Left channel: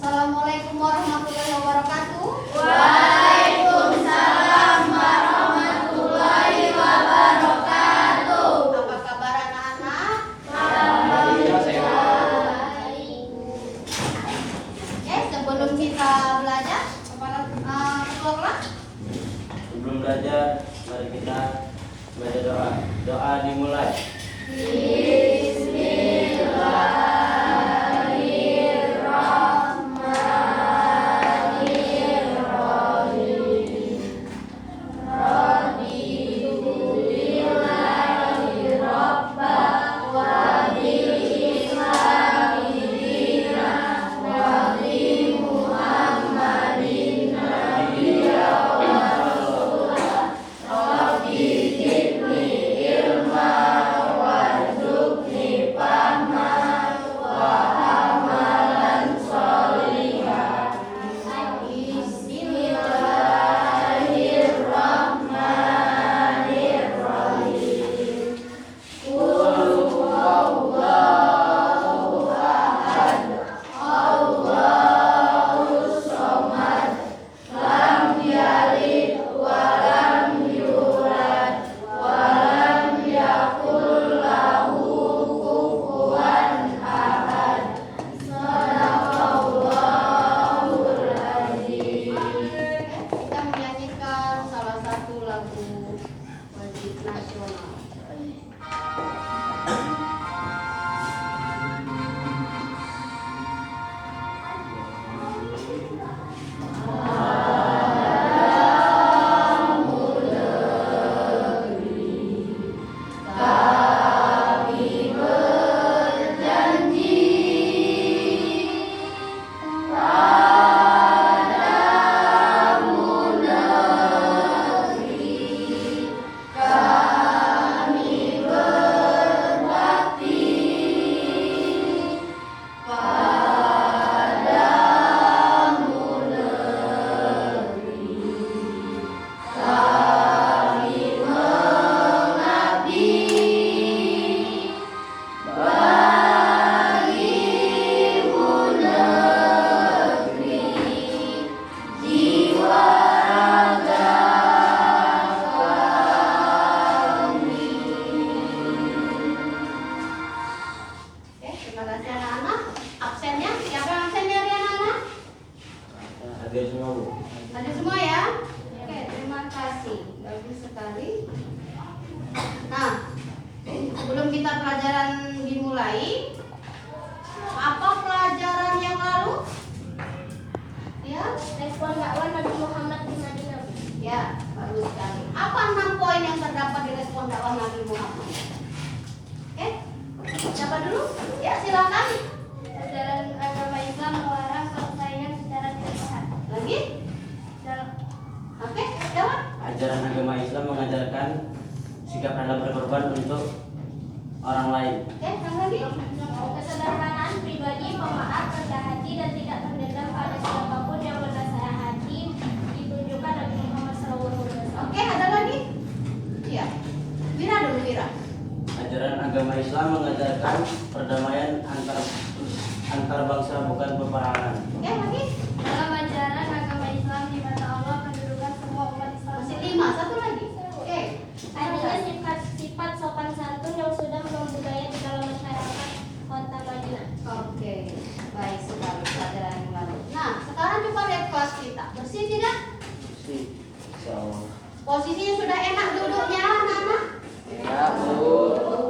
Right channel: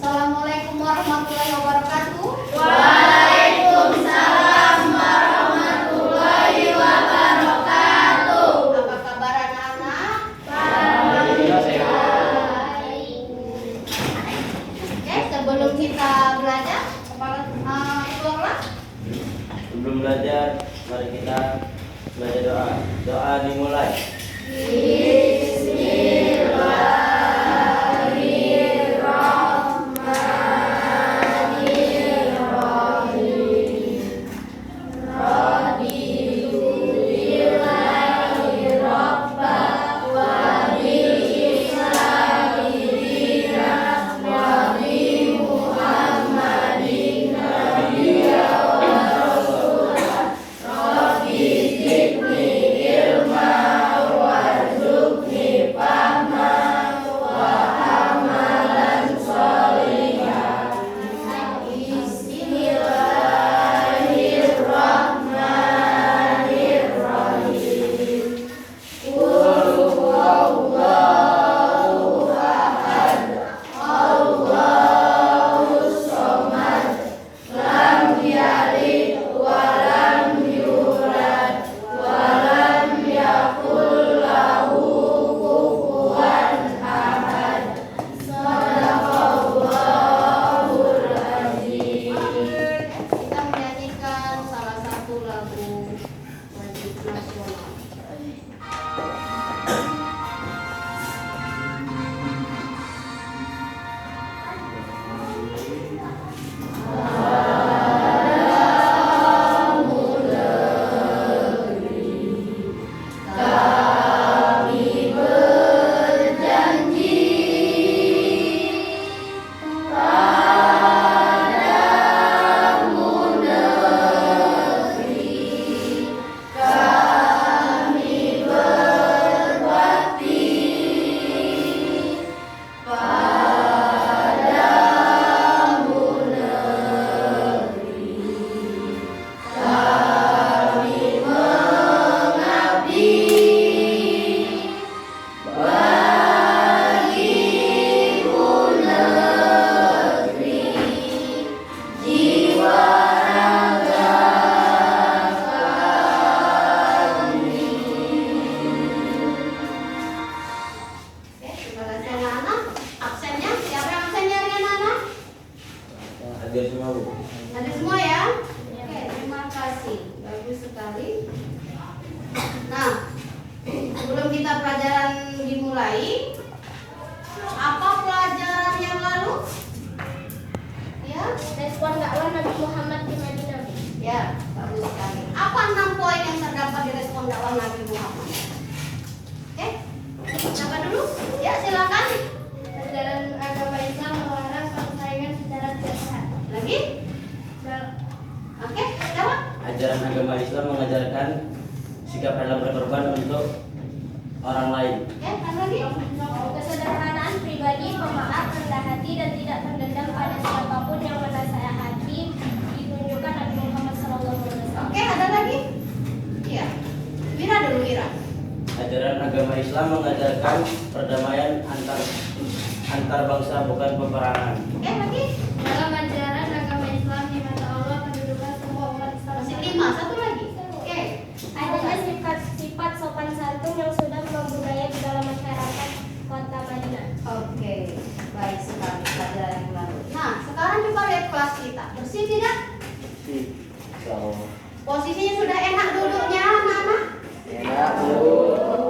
Assalamualaikum warahmatullahi wabarakatuh. Waalaikumsalam warahmatullahi wabarakatuh. Apa kabar anak-anak? Alhamdulillah sehat. Oke, sebelum kita belajar, ketua kelas, Sebelum belajar, mari kita belajar doa. Doa dimulai. kita menyanyikan salah satu lagu wajib nasional. Oke, terima kasih anak-anak. Absennya, siapa yang absennya hari anak-anak? Hadir semua, Bu. Ada semua ya? Oke, terima kasih. Bagus sekali. Nah, sebelum kita pelajaran dimulai, apa pelajaran yang lalu? Ya, Respon dakwah Nabi Muhammad di Madinah. ya, bagus sekali. Apa 6 poin yang terdapat di respon dakwah Nabi Muhammad? Oke, siapa dulu? Ya, silakan. Ajaran agama Islam melarang persaingan secara tidak sehat. Lagi? Oke, jawab. Ajaran agama Islam mengajarkan sikap rela berkorban untuk orang lain. Oke, yang lagi? Kesederhanaan pribadi, pemaaf, rendah hati, dan tidak terdendam pada siapapun yang menasehati ditunjukkan Nabi Muhammad SAW. Oke, ada lagi? Iya. Wira dulu, Wira. Ajaran agama Islam mengajarkan perdamaian antar bangsa, bukan peperangan. Oke, lagi? Dalam ajaran agama Islam di mata Allah kedudukan semua umat Islam Masih 5, satu lagi. Oke. adanya sifat-sifat sopan santun yang sudah membudaya di dalam masyarakat kota Madinah. Oke, baik sekali pelajaran yang lalu. Nah, sekarang coba lihat kelas kita. Bersih tidak? Posisinya sudah enak duduknya, anak-anak? Ya, Bu.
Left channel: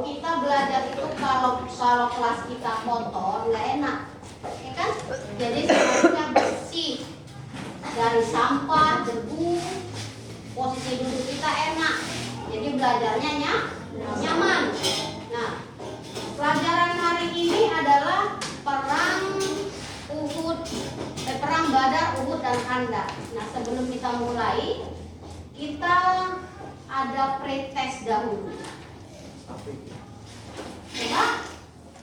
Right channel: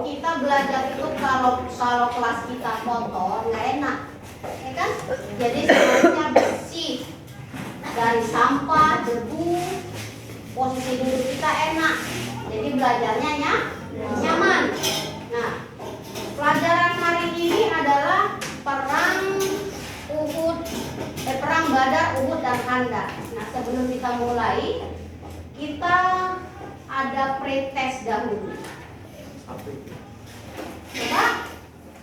Kita belajar itu kalau kelas kita kotor nggak enak, ya kan? Jadi semuanya bersih dari sampah, debu. Posisi duduk kita enak, jadi belajarnya nyaman. Nah, pelajaran hari ini adalah perang Badar, Uhud, dan Khandaq. Nah, sebelum kita mulai, kita ada pretest dahulu.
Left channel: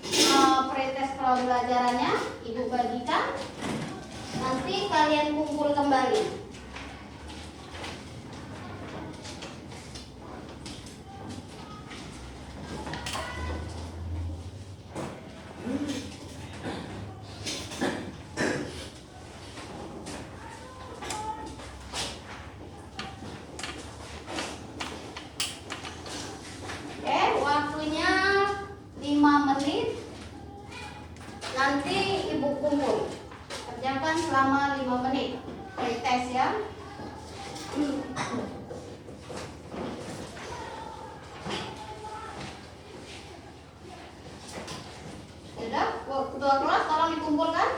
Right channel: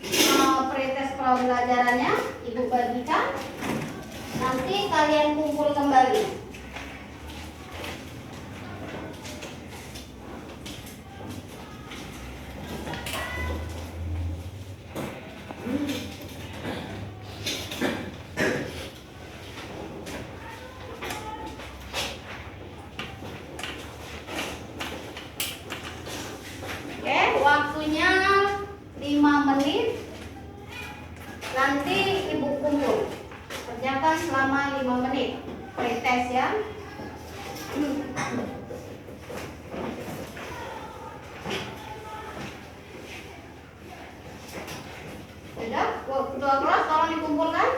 Coba pretest pelajarannya Ibu bagikan. Nanti kalian kumpul kembali. Nanti ibu kumpul, kerjakan selama 5 menit, pretest ya. Sudah, ketua kelas tolong dikumpulkan.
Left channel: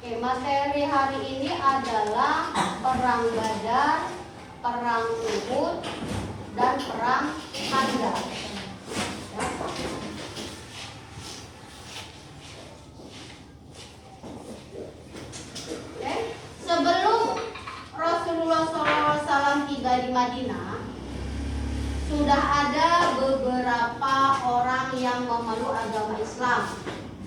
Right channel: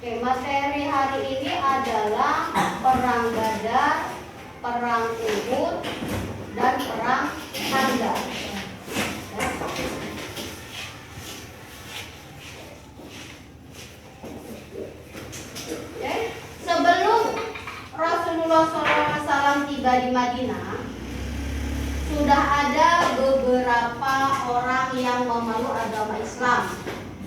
Oke, materi hari ini adalah perang Badar, perang Uhud, dan perang Khandaq. Ya. Oke, sebelum Rasulullah SAW tiba di Madinah, sudah ada beberapa orang yang memeluk agama Islam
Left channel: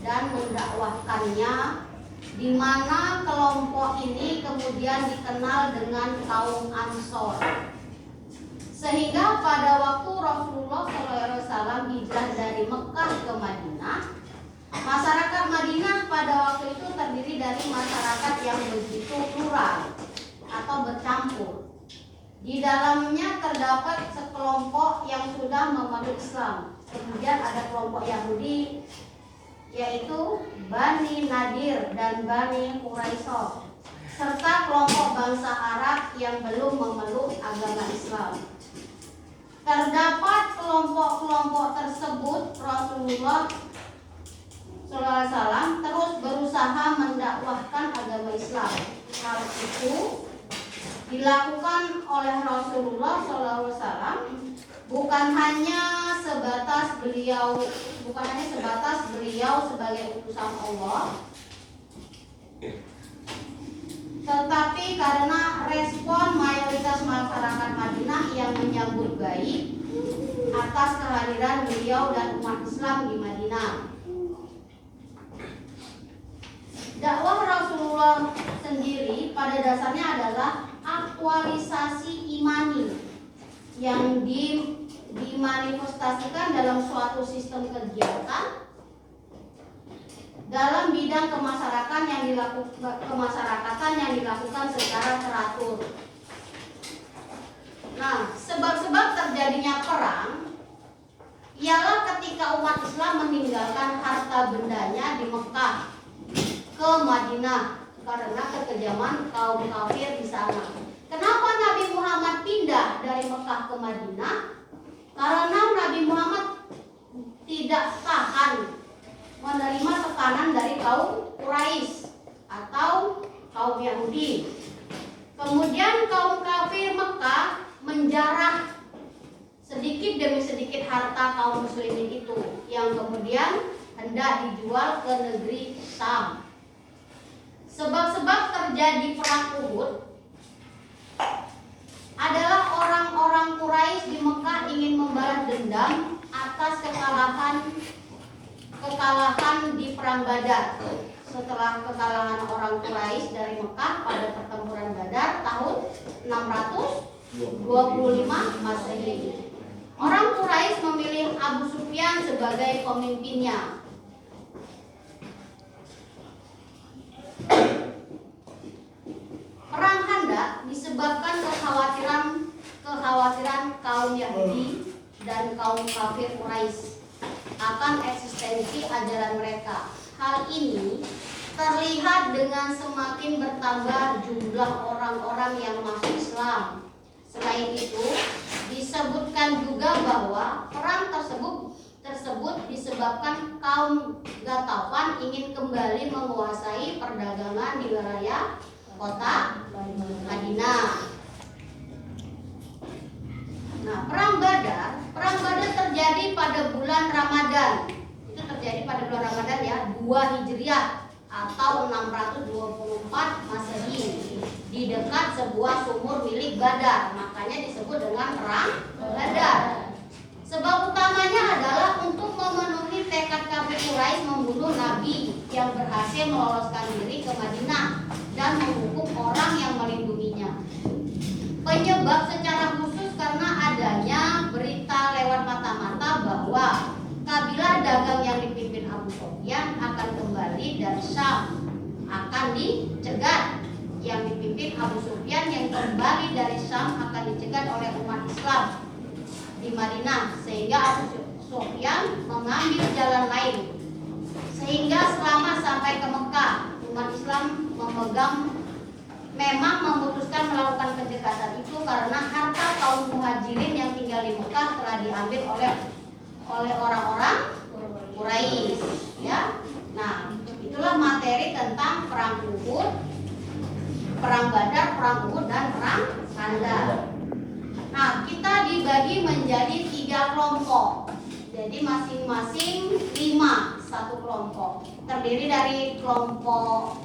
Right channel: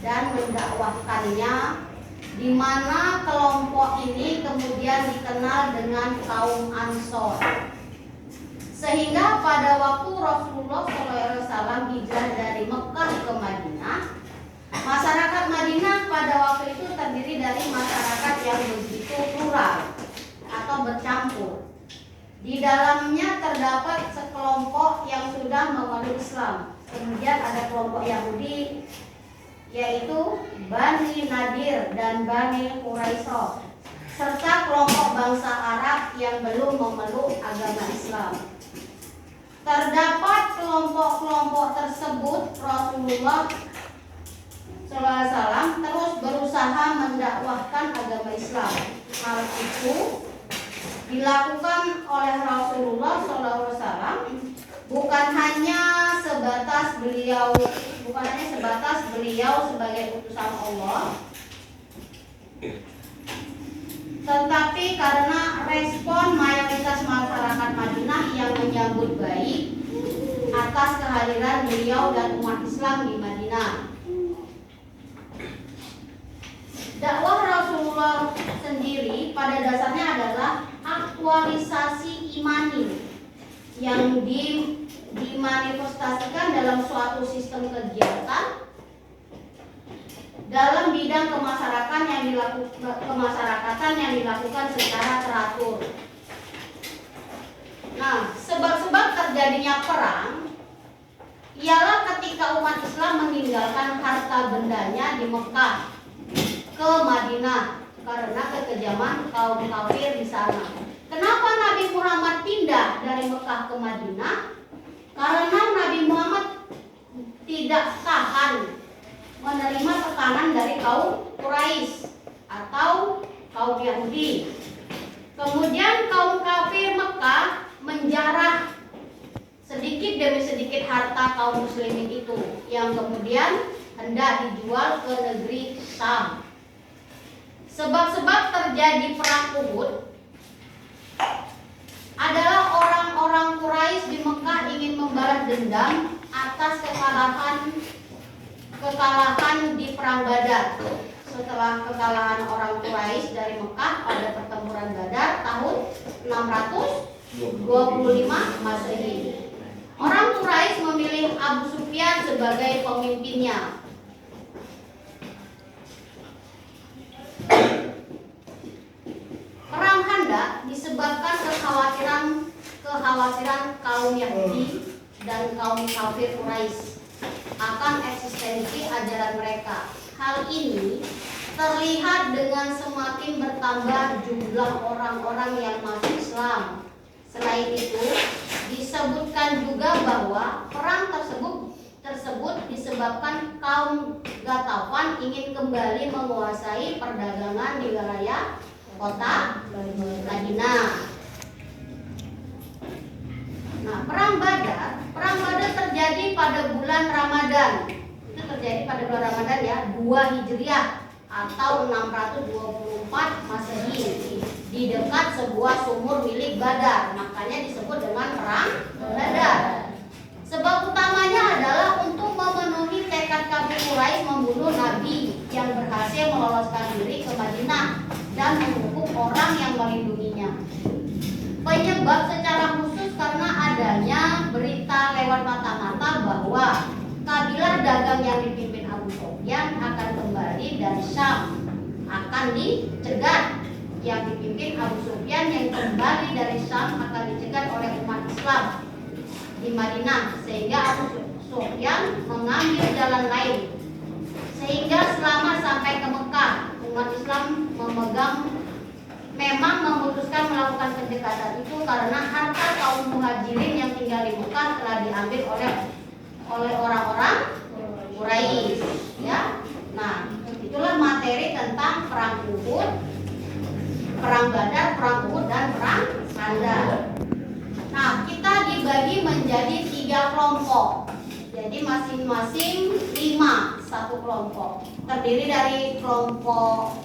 dan mendakwahkannya, di mana kelompok ini kemudian dikenal dengan kaum Ansor. Sehingga pada waktu Rasulullah SAW hijrah dari Mekah ke Madinah, masyarakat Madinah pada waktu itu terdiri dari masyarakat yang begitu plural atau bercampur. Di dalamnya terdapat sekelompok yang sudah memeluk Islam. Kemudian ada kelompok Yahudi, yaitu Bani Nadir dan Bani Quraisyah, serta kelompok bangsa Arab yang belum memeluk agama Islam. Terdapat kelompok-kelompok tersebut, Rasulullah SAW terus berusaha mendakwahkan agama Islam. Hal itu dilakukan oleh Rasulullah SAW bukan hanya sebatas beliau sebagai utusan Allah, tetapi karena respon mayoritas masyarakat Madinah yang menyambut baik atas kehadiran beliau dan umat Islam di Madinah. Dakwah Rasulullah sendiri pada dasarnya adalah aktualisasi imani yang dimanifestasikan dalam suatu sistem kegiatan dalam bidang kemasyarakatan yang dilakukan secara teratur. Nah, sebab-sebab terjadinya perang ialah ketika umat Islam meninggalkan harta bendanya di Mekah ke Madinah karena kekejaman kaum kafir di sana. Kenapa Nabi Muhammad pindah dari Mekah ke Madinah? Karena Nabi Muhammad tidak tahan menerima tekanan dari kaum Quraisy atau kaum Yahudi. Kemudian kaum kafir Mekah menjarah sedikit demi sedikit harta kaum muslimin itu, yang kemudian hendak dijual ke negeri Syam. Sebab-sebab terjadi perang Uhud adalah orang-orang Quraisy di Mekah ingin membalas dendam atas kekalahan di perang Badar. Setelah kekalahan orang Quraisy dari Mekah pada pertempuran Badar tahun 625 Masehi. Orang Quraisy memilih Abu Sufyan sebagai pemimpinnya. Perang Khandaq disebabkan kekhawatiran kaum Yahudi dan kaum kafir Quraisy akan eksistensi ajaran mereka. Hal ini terlihat dengan semakin bertambah jumlah orang-orang yang masuk Islam. Selain itu, disebutkan juga bahwa perang tersebut disebabkan kaum Ghatafan ingin kembali menguasai perdagangan di wilayah kota Madinah. Nah, perang Badar terjadi pada bulan Ramadan. Itu terjadi pada bulan Ramadan ya, 2 Hijriah atau 624 Masehi di dekat sebuah sumur milik Badar. Makanya disebut dengan perang Badar. Sebab utamanya adalah untuk memenuhi tekad kafir Quraisy membunuh Nabi yang berhasil meloloskan diri ke Madinah dan menghukum orang yang melindunginya. Penyebab secara khusus karena adanya berita lewat semata-mata bahwa kabilah dagang yang dipimpin Abu Sufyan akan kembali dari Syam, akan dicegat. Yang dipimpin Abu Sufyan yang kembali dari Syam akan dicegat oleh umat Islam di Madinah, sehingga Abu Sufyan mengambil jalan lain. Sehingga selama sampai ke Mekah, umat Islam memang memutuskan melakukan pencegatan itu karena harta kaum muhajirin yang tinggal di Mekah telah diambil oleh orang-orang Quraisy, ya. Nah, itulah materi tentang perang Uhud, perang Badar, perang Uhud, dan perang Khandaq. Nah, kita dibagi menjadi 3 kelompok. Jadi masing-masing 5 satu kelompok. Terdiri dari kelompok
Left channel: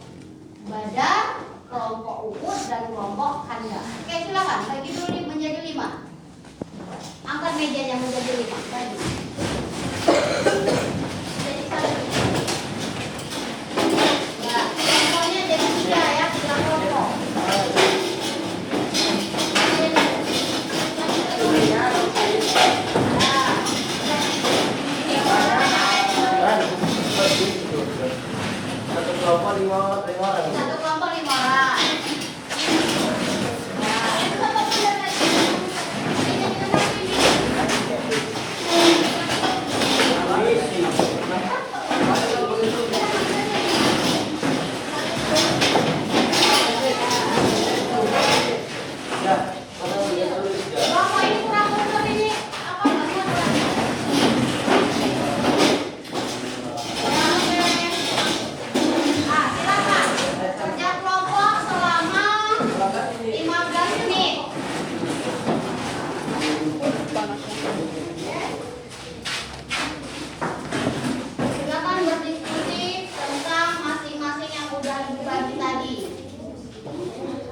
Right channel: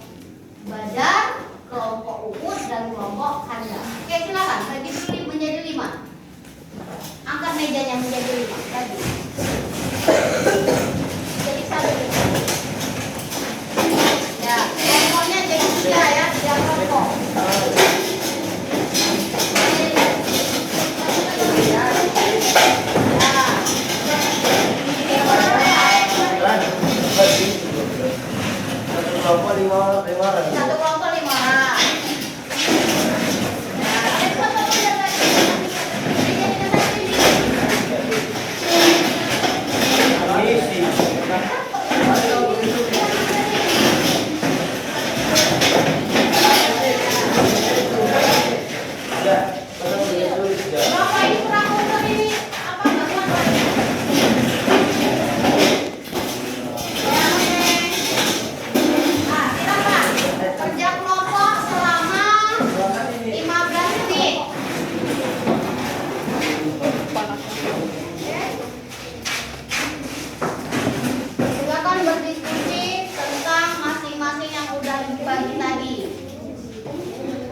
Badar, kelompok Uhud, dan kelompok Khandaq. Oke, silakan bagi dulu menjadi 5. Angkat mejanya menjadi 5. Bagi. Jadi 1. Ya, kelompoknya jadi 3 ya, 3 kelompok. Satu kelompok 5 orang. Satu kelompok 5 orang. Bapak ini kurang benar ini apa nggak buat? Kerja kelompok selama 15 menit. Silakan berdiskusi tentang masing-masing yang udah dibagi tadi.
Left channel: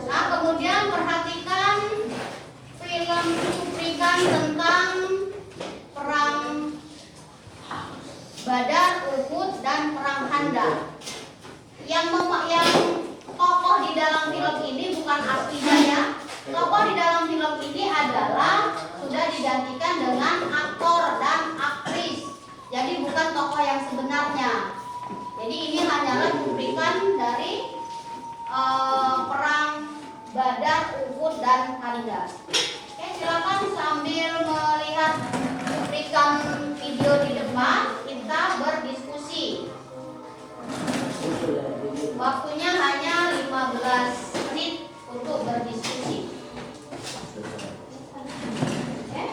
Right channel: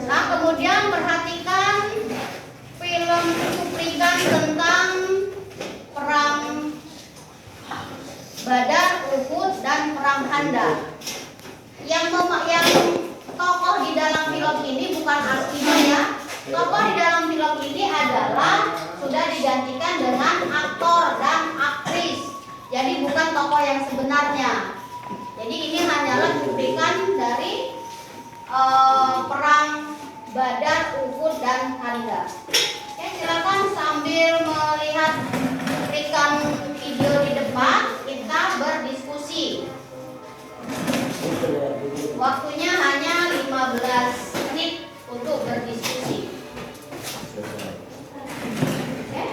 Nah, kemudian perhatikan film cuplikan tentang perang Badar, Uhud, dan perang Khandaq. Yang tokoh di dalam film ini bukan aslinya ya. Tokoh di dalam film ini adalah sudah digantikan dengan aktor dan aktris. Jadi bukan tokoh yang sebenarnya. Jadi ini hanyalah cuplikan dari perang Badar, Uhud, dan Khandaq. Oke, silakan sambil melihat cuplikan video di depan kita berdiskusi. Waktunya hanya 15 menit untuk berdiskusi. Oke?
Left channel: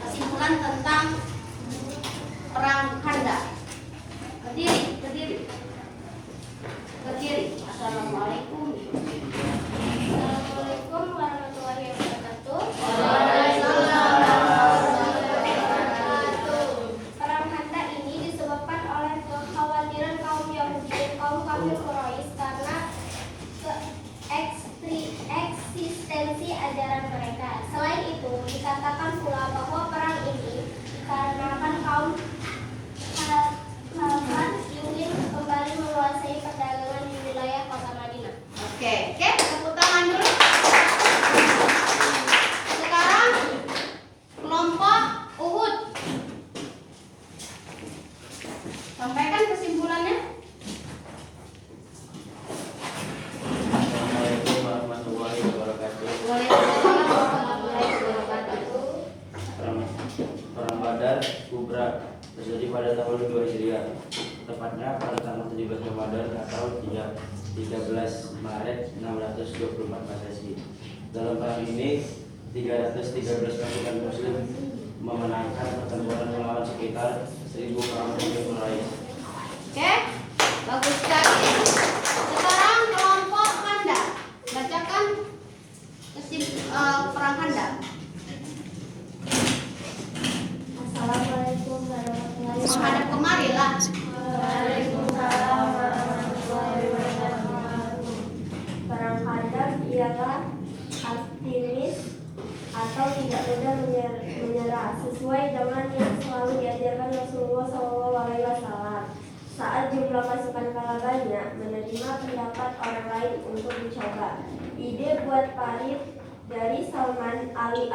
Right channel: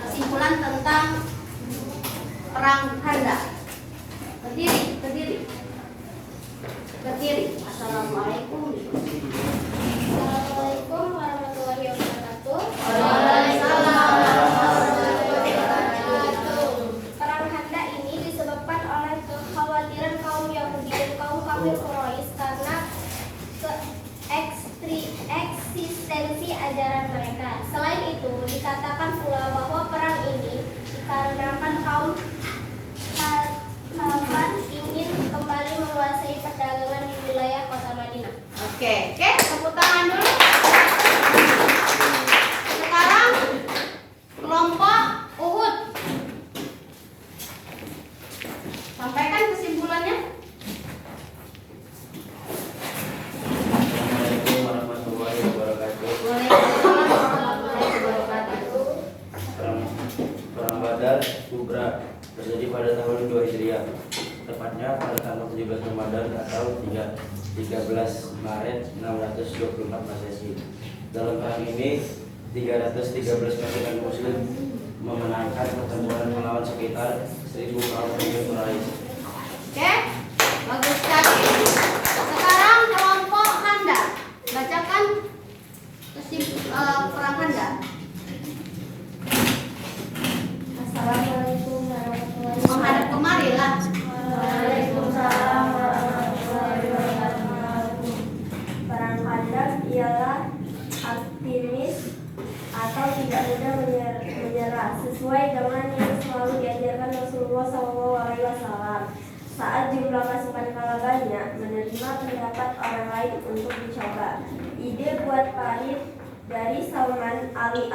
kesimpulan tentang perang Khandaq. Berdiri. Assalamualaikum. Assalamualaikum warahmatullahi wabarakatuh. Perang Khandaq ini disebabkan oleh kekhawatiran kaum Yahudi dan kaum kafir Oke, tepuk tangan dulu. Sekarang kelompok Uhud. Sampaikan kesimpulannya. Assalamualaikum warahmatullahi wabarakatuh. Waalaikumsalam warahmatullahi wabarakatuh. Perang Badar Kubra terjadi pada tahun 2 Hijriah, tepatnya pada tanggal 17 Ramadan atau 13 Maret 624 Masehi. Dalam perang ini 313 pasukan Muslim memenangkan pertempuran melawan sekitar 1000 kaum pemimpin Quraisy. Oke, bagus sekali. Sekarang kelompok Handa. Bacakan perang Handa. Assalamualaikum warahmatullahi Menghadap wabarakatuh. kemari lah. Waalaikumsalam warahmatullahi wabarakatuh. Perang Khandaq ialah aktivis atau tidak mudah menyerah sesuai dengan yang selalu diajarkan Rasulullah SAW. Saat jumlah pasukan kalah banyak, menerima pendapat orang lain untuk dicoba. Ide buat parit dari Salman Ali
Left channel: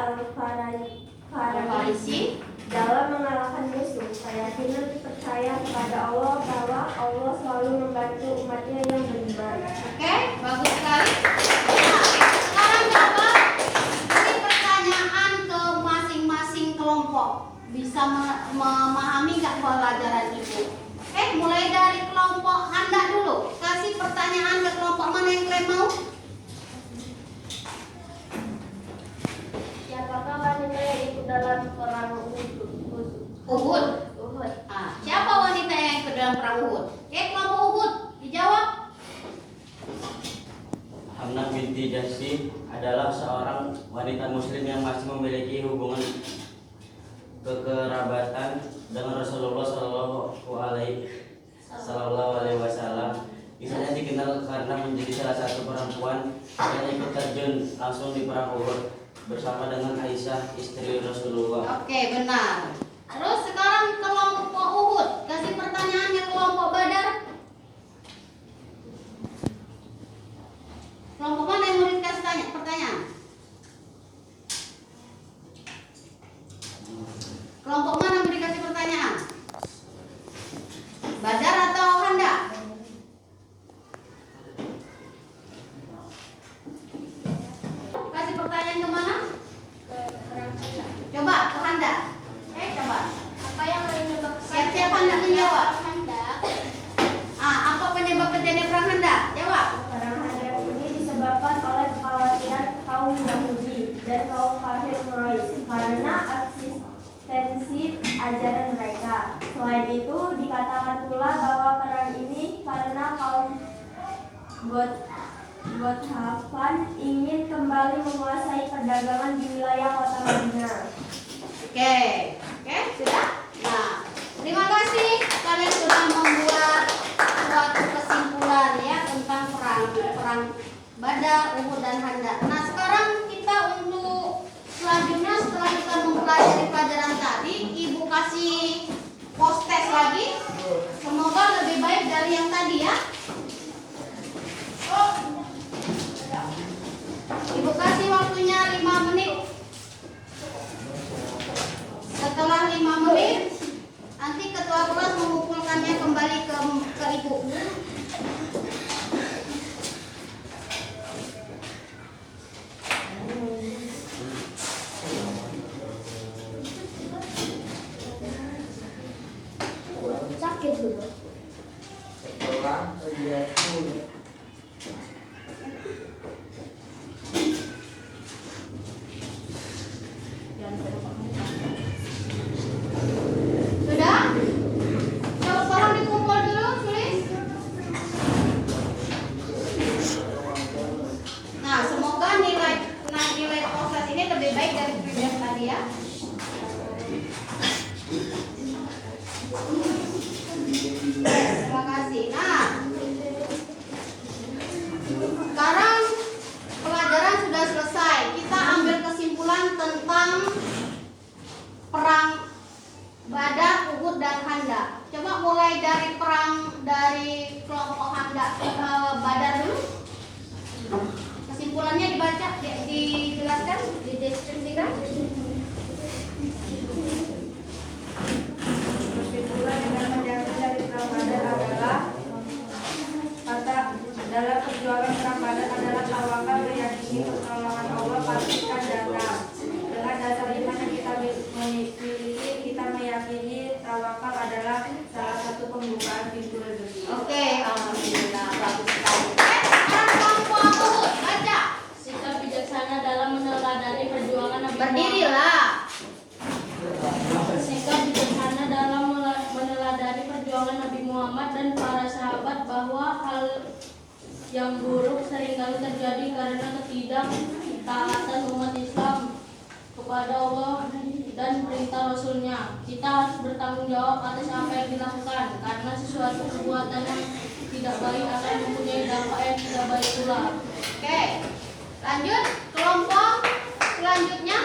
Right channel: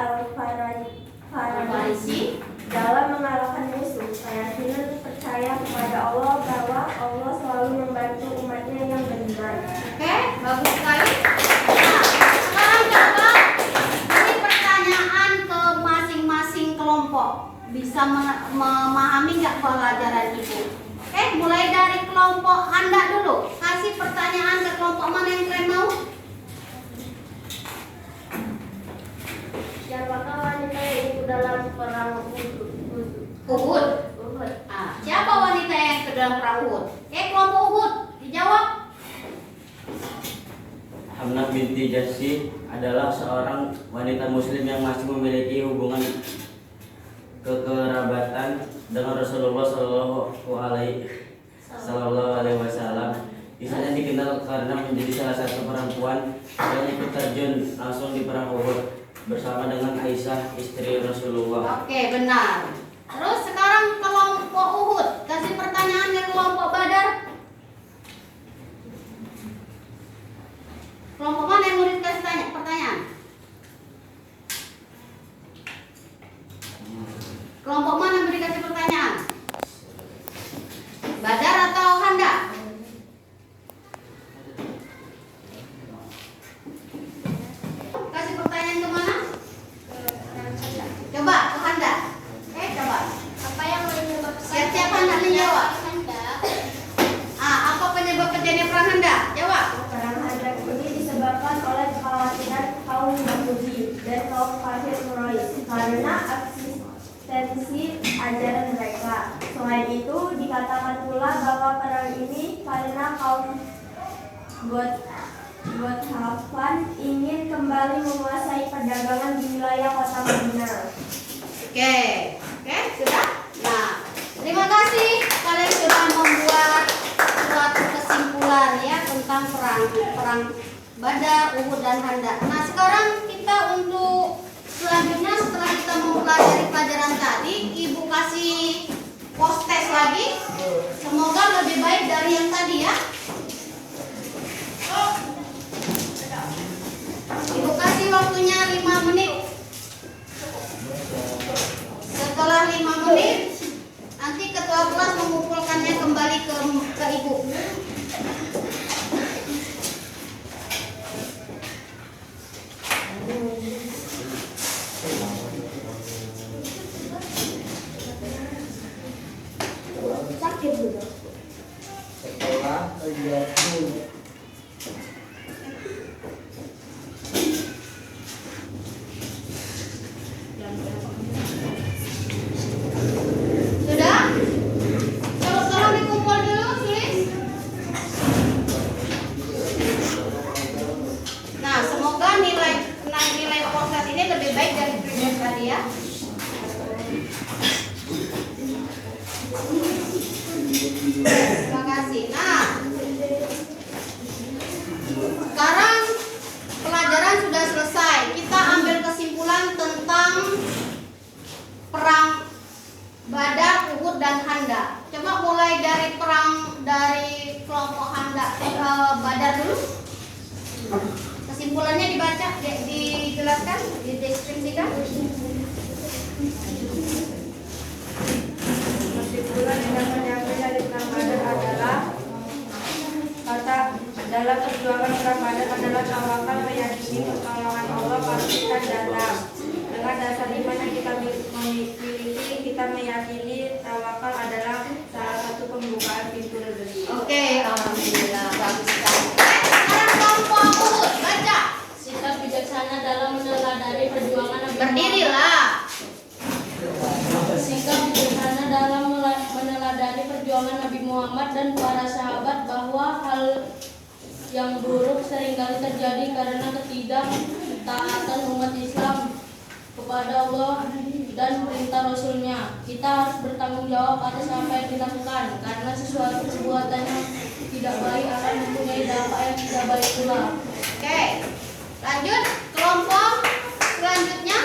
Al-Farisi dalam mengalahkan musuh. Keyakinan percaya kepada Allah bahwa Allah selalu membantu umatnya yang beriman. Oke, bagus sekali. Nah, sekarang coba ini pertanyaan ke masing-masing kelompok. Bisa memahami nggak pelajaran itu? Oke, mulai dari kelompok Handa dulu. Kasih pertanyaan ke kelompok mana yang kalian mau? Siapakah wanita yang ikut dalam perang Uhud. Uhud? Ah, siapa wanita yang ke dalam perang Uhud? Oke, kelompok Uhud dijawab. Hamnah binti Jahsy adalah seorang wanita muslim yang masih memiliki hubungan kekerabatan dengan Rasulullah Sallallahu Alaihi Wasallam. Kisahnya dikenal karena menjadi salah satu perempuan yang ikut terjun langsung di perang Uhud bersama dengan Aisyah istri Rasulullah. Oke, benar. Terus sekarang kelompok Uhud. Kasih pertanyaan ke kelompok Badar. Kelompok mana yang mau dikasih pertanyaan? Kelompok mana yang dikasih pertanyaan? Badar atau Handa? Kasih pertanyaan ke mana? Coba ke Handa. Coba. Apa yang menyebabkan Siap-siap Handa menjawab. Khandaq? Apa penyebab terjadinya perang Handa? Jawab. Perang Khandaq ini disebabkan oleh kekhawatiran kaum Yahudi dan kaum kafir Quraisy karena eksistensi ajaran mereka. Selain itu, dikatakan pula bahwa perang ini karena kaum Gothafan ingin kembali menguasai perdagangan di wilayah kota Madinah. Oke, sudah. Nah, terima kasih kalian sudah membuat suatu kesimpulan ya tentang perang Badar, Uhud dan Khandaq. Nah, sekarang kita untuk selanjutnya setelah kita mempelajari pelajaran tadi, Ibu kasih post test lagi. Semoga lebih baik dari yang tadi ya. Ibu kasih waktunya 5 menit. Setelah 5 menit, nanti ketua kelas mengumpulkannya kembali ke Ibu. Sakit dulu. Setelah terjatuh Sudah? Tolong dikumpul dulu, tulis. Nah, semoga nilai podcast ini lebih baik dari previous tadi ya. Terima kasih. Nah, sekarang pelajaran sudah selesai. Kita ambil kesimpulan tentang perang Badar, Uhud dan Khandaq. Coba mulai dari kelompok Khandaq, Badar dulu. dijelaskan, dideskripsikan? Kesimpulan yang dapat diambil dari perang Badar adalah kata dalam perjuangan perang Badar adalah tawakal, meyakini pertolongan Allah pasti akan datang. Dengan dasar iman yang kita miliki, kita meyakini tawakal adalah salah satu pembukaan pintu rezeki. Oke, alhamdulillah, bagus sekali. Sekarang kelompok Uhud, baca. Sikap bijaksana dalam meneladani perjuangan Nabi Berdirilah. Sikap bijaksana dalam meneladani perjuangan Nabi Muhammad dan para sahabat bahwa hal yang buruk seringkali terjadi karena ketidaktaatan umat Islam kepada Allah dan perintah Rasulnya. Kita harus bertanggung jawab atas apa yang dilakukan, karena sesuatu perbuatan yang tidak baik akan mempunyai dampak yang tidak baik pula. Oke, lanjut kelompok selanjutnya.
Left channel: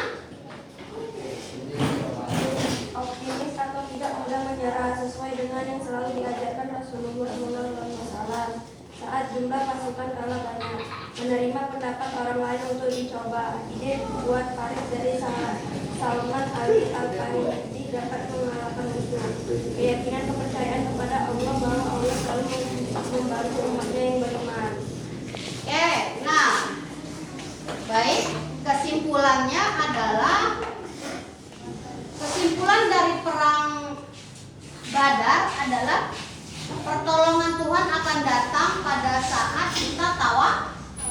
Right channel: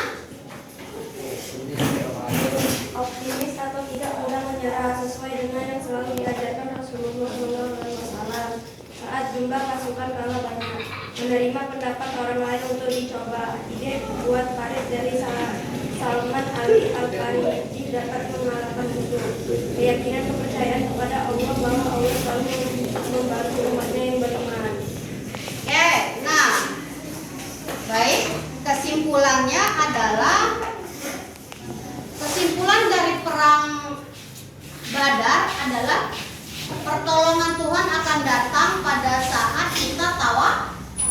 Optimis atau tidak mudah menyerah sesuai dengan yang selalu diajarkan Rasulullah SAW. Saat jumlah pasukan kalah banyak, menerima pendapat orang lain untuk dicoba. Ide buat Farid dari Salman Ali Al-Farisi dapat mengalahkan musuh. Keyakinan kepercayaan kepada Allah bahwa Allah selalu membantu umatnya yang beriman. Oke, nah, baik. Kesimpulannya adalah kesimpulan dari perang Badar adalah pertolongan Tuhan akan datang pada saat kita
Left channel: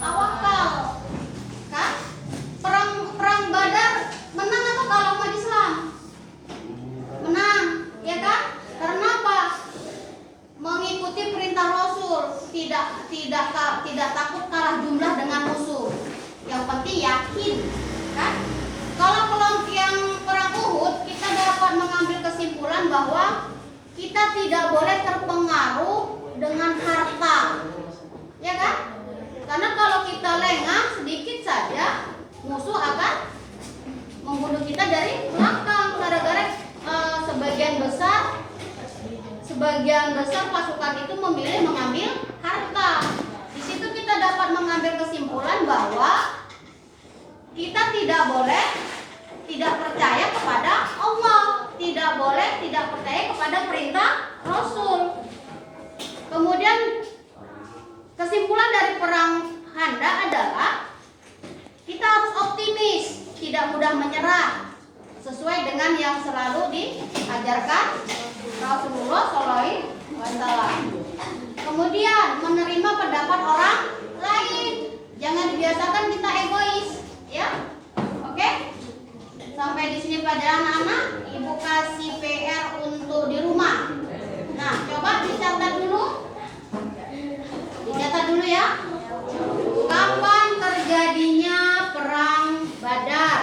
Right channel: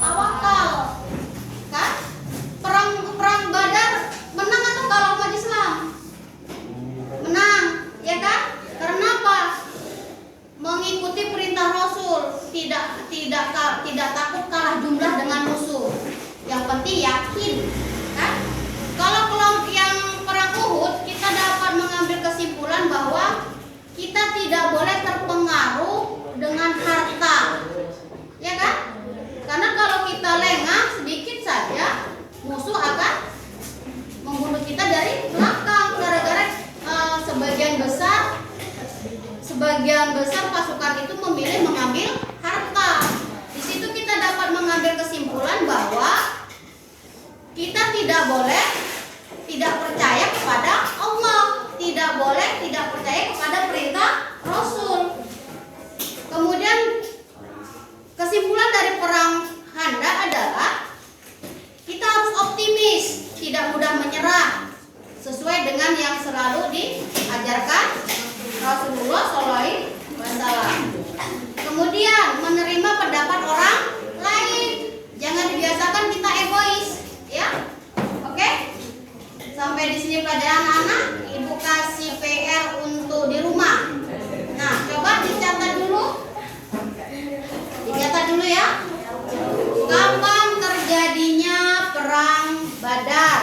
tawakal. Kan? Perang Badar menang atau kalah umat Islam? Menang, ya kan? Karena apa? Mengikuti perintah Rasul, tidak takut kalah jumlah dengan musuh. Yang penting yakin, kan? Kalau kelompok yang perang Uhud, kita dapat mengambil kesimpulan bahwa kita tidak boleh terpengaruh dengan harta, ya kan? Karena kalau kita lengah sedikit saja, musuh akan membunuh kita dari belakang. Gara-gara sebagian besar pasukan itu memilih mengambil harta. Di situ kita dapat mengambil kesimpulan bahwa kita tidak boleh tidak percaya kepada Allah, tidak boleh tidak percaya kepada perintah Rasul. Kemudian kesimpulan dari perang Khandaq adalah kita harus optimis, tidak mudah menyerah, sesuai dengan yang selalu diajarkan Rasulullah SAW. Kemudian menerima pendapat orang lain, jangan dibiasakan kita egois, ya. Oke? Sampai di sini pelajaran anak-anak. Ibu kasih PR untuk di rumah. Nah, coba dicatat dulu. Dicatat dulu ya. Kapan terjadinya perang Badar?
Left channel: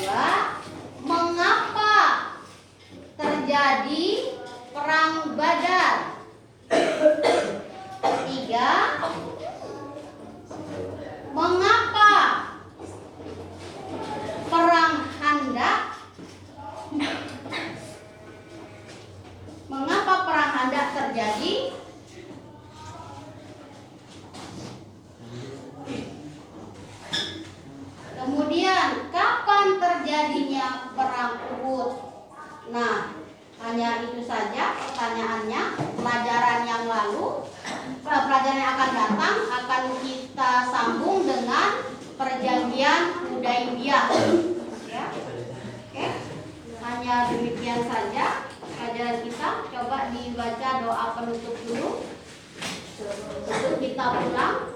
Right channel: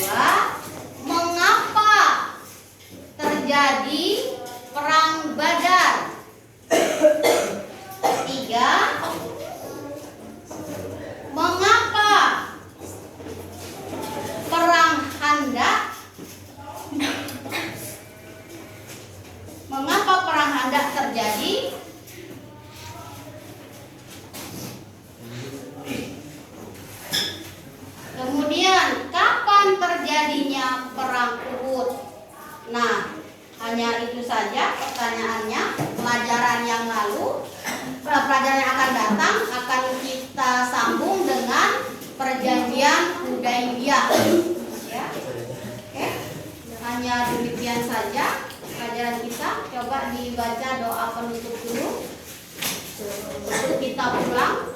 2. Mengapa terjadi perang Badar? 3. Mengapa perang Khandaq? Mengapa perang Khandaq terjadi? Kemudian kapan terjadinya perang Uhud? Nah, hanya itu saja pertanyaannya. Pelajaran yang lalu, pelajaran yang akan datang akan kita sambung dengan perjanjian Hudaybiyah. Ya. Oke. Hanya demikian saja pelajaran kita. Coba dibaca doa penutup dulu. Kita pulang.